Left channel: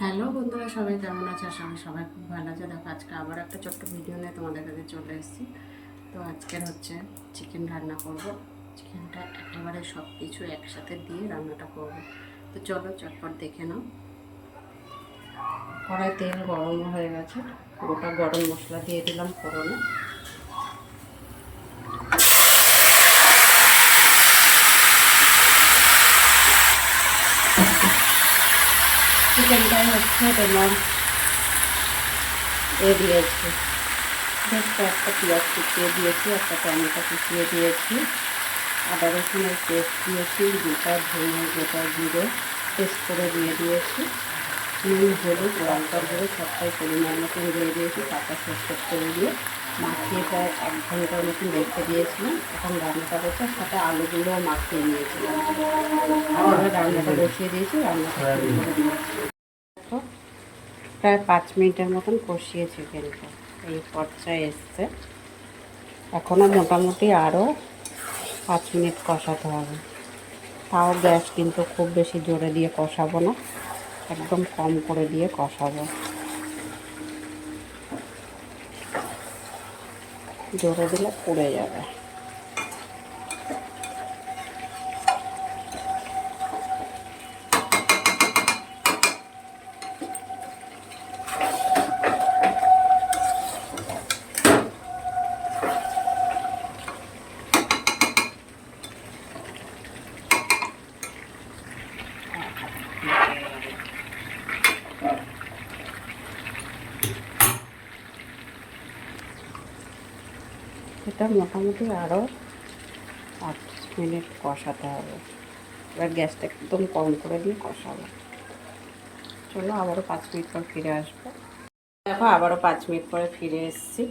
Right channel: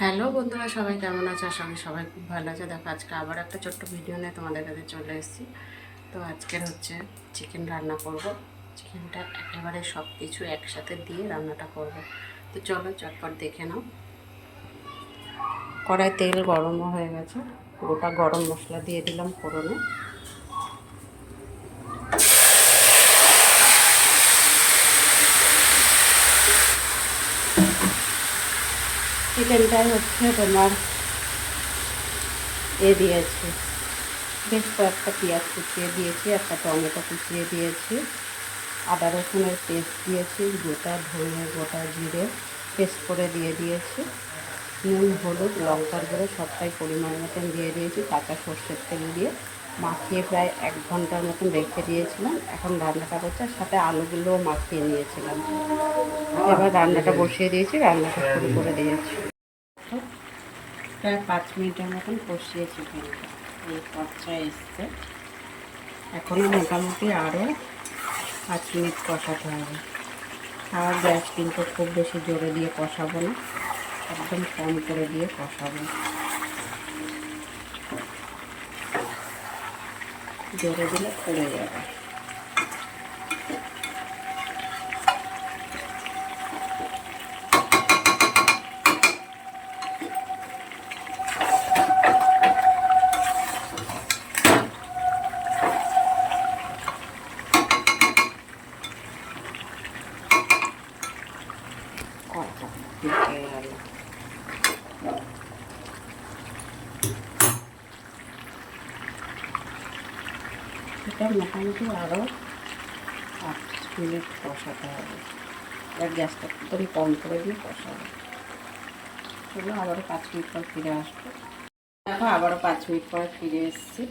Hello বন্ধুরা, সবাই কেমন আছে? আশা করি সবাই খুব ভালো আছে। দেখো, আজকে আবার একটা ছোট্ট ভিডিও নিয়ে তোমাদের কাছে চলে এসেছি। তো আজকের হচ্ছে চিকেন রান্না করব। চিকেনটা একেবারে সব কিছু একসাথে দিয়ে রান্নাটা করব। তো চলো চটপট দেখে নাও। কড়াই তেল গরমও হয়ে গেছে, গোটা গরম মশলা দিয়ে দিলাম ফোড়নে। চিকেনটাই হচ্ছে তোমার দিয়েছি, বেশ কয়েকটা পেঁয়াজ কুচিয়ে দিয়েছি, একটা টমেটো কুচিয়ে দিয়েছি, আদা রসুনের পেস্ট দিয়েছি, গোটা ধনে গোটা জিরে পেস্ট করে দিয়ে দিয়েছি, নুন হলুদ লঙ্কার গুঁড়ো সবটাই পরিমাণ মতন দিয়ে দিয়েছি, কাঁচা সর্ষের তেল দিয়ে মাখিয়ে প্রায় 1 ঘন্টার মতন রেখে দিয়েছিলাম। এখন রান্নাটা করছে, সাথে আলুগুলোও মাখিয়ে নিয়েছিলাম। এবার রান্নাটা বসিয়ে দিয়েছি, রান্নাটা শুরু করে দিয়েছি। তো প্রায় 5 মিনিটের মতন কষিয়ে চিকেনটা এই পর্যায়ে এসছে। এখনও মোটামুটি আরও 5 মিনিট কষাতে হবে। তাও গ্যাস কিন্তু খুব বেশি জোরে দিয়ে কষাবো না, একদম কম করে দিয়ে কষাবো। জোরে দিলে পুড়ে যাবে। এটা মোটামুটি আরও 8 মিনিট কষাতে হবে। এবার গ্যাসটা একদম কম করে দিয়ে কষাবো। চলো আবারও 5 মিনিট পর ফিরে আসবো। দেখো, আবারও 5 মিনিট পরে ফিরে এসেছি।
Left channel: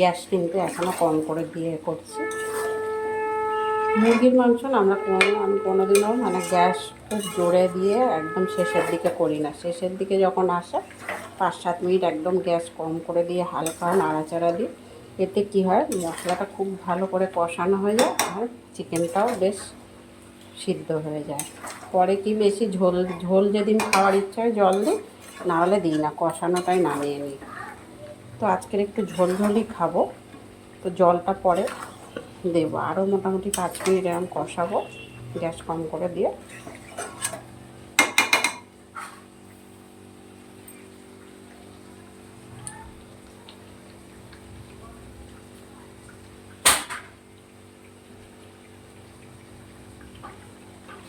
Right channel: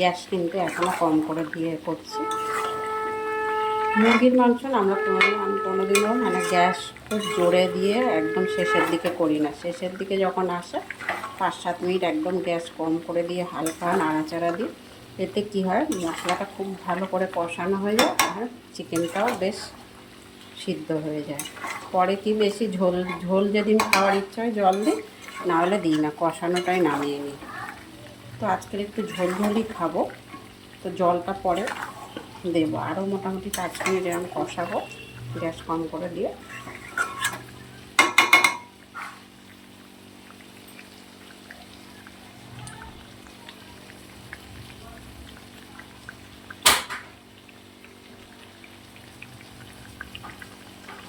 গ্যাস কিন্তু এখনও কম করে দিয়ে করছি। মুরগির মাংস না আমি কোনোদিনও মানে গ্যাস খুব জোরে দিয়ে একদম শেষের দিকে করি না। শেষের দিকে যখন আসে 5-7 মিনিট একদম গ্যাস কম করে দিয়ে হালকা নাড়াচাড়া দিই। এতে কি হয়, মশলাটা খুব ভালো করে কষানো হয়ে যায় আর চিকেনটাও বেশ সিদ্ধ হয়ে যায়। পরে কি বেশি ঝোল ঝোল যেদিন খাওয়ার ইচ্ছা হয় জল দিই, নাহলে দিই না, কষানোটাই নামিয়ে নিই। তো আজকের একটু ঝোল ঝোলই খাবো, তো জলটা পরে দেবো। আরও মোটামুটি 5 মিনিট এরকম কষাবো গ্যাস কম করে দিয়ে।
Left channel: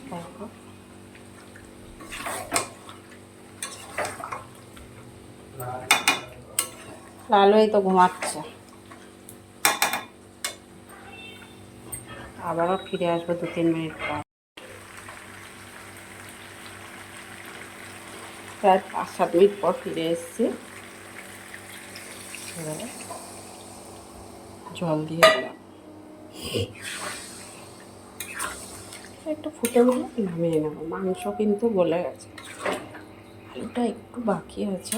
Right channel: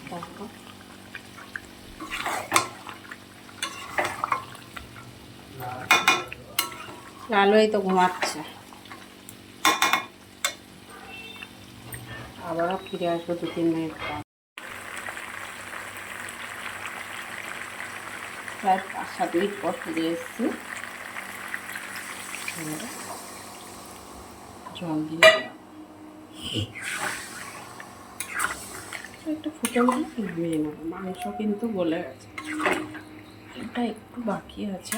দেখো, লালুই তো ঘুমাচ্ছে। আবারও ফিরে আসবো 2-3 মিনিট পর। প্রায় 5-7 মিনিট পর ফিরে এসেছি। জল দিয়ে দিলাম, একটু ফুটে উঠলে নামিয়ে নেবো। মাংস কিন্তু গলে গেছে, আলুটা একটু বাকি আছে।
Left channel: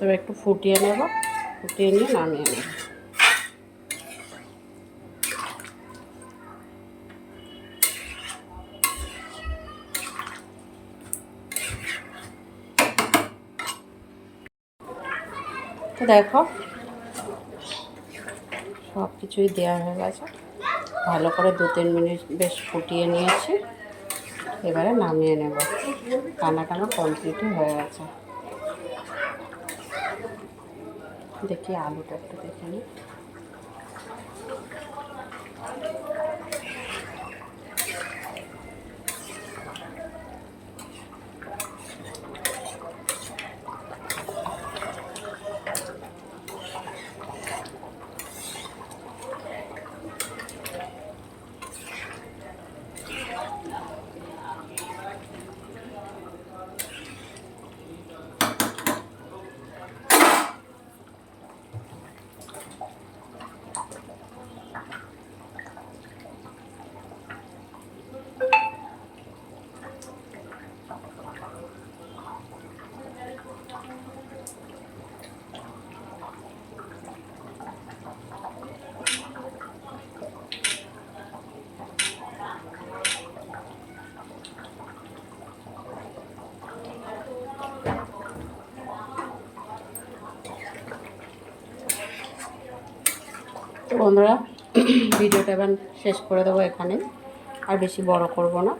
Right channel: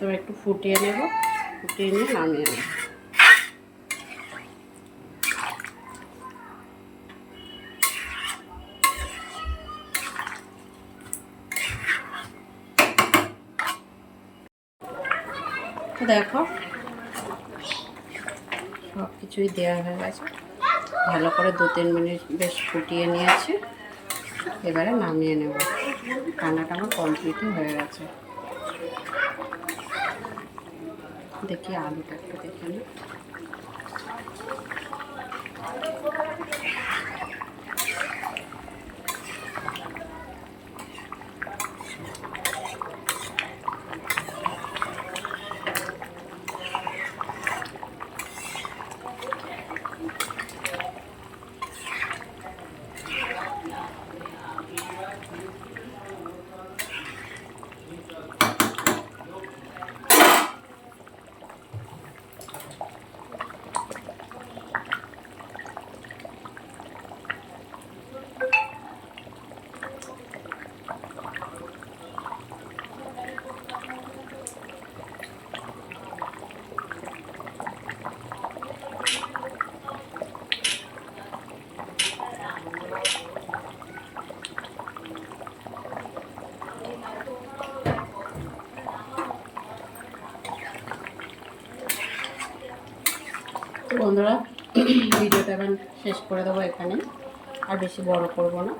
তবে একটু ফুটিয়ে নেব, ফুটিয়ে নিয়ে নামিয়ে নেব। তো দেখো, সব কিছুই দেওয়া হয়ে গেছে, ভালো করে 2-3 মিনিট বেশ ফুটিয়ে নিয়েছি। এবারে নামিয়ে নেব। রান্নাটা আমার কমপ্লিটই হয়ে গেছে। দেখি আলুটা একটু দেখে নিই। তো বন্ধুরা ভিডিওটা এবার শেষ করে দেবো এখানে, আর বেশি বড় করব না।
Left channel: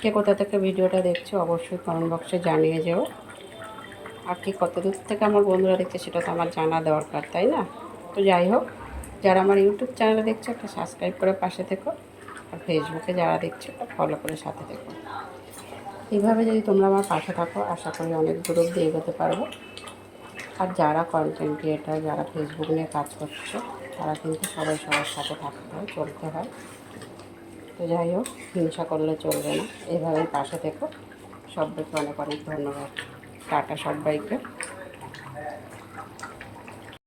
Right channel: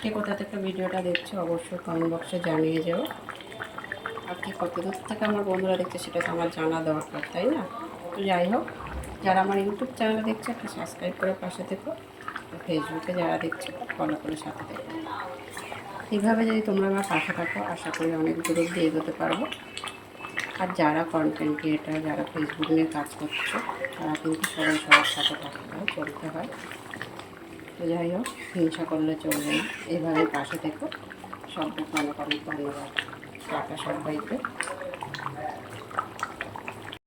কে কোথা থেকে ভিডিওটা দেখছো অবশ্যই কমেন্ট বক্সে জানিয়ে যেও। আর কি কত দূর থেকে আমার বন্ধুরা দেখছে সেটা তো আমার জানা দরকার, তাই না? তো যাই হোক, যারা আমার ইউটিউব চ্যানেলে দেখছে একটা সাবস্ক্রাইব করে পাশে থেকো, আর ফেসবুকে যারা দেখছো একটা ফলো করে সাথে থেকো। এইভাবে যদি তোমরা আমার পাশে থাকো আশা করি অনেক দূর অব্দি এগোতে পারবো। আর যারা কন্টেন্ট ক্রিয়েটার, যারা ফেসবুক নিয়ে কাজ করছো, তারা কিন্তু সবাই সবার সাথে থাকতে হয়, চলতে হয়। তো যাই হোক, হিংসা করলে চলবে না, এভাবেই পাশে থেকো। সবাইকে অনেক অনেক ধন্যবাদ। টাটা সবাইকে।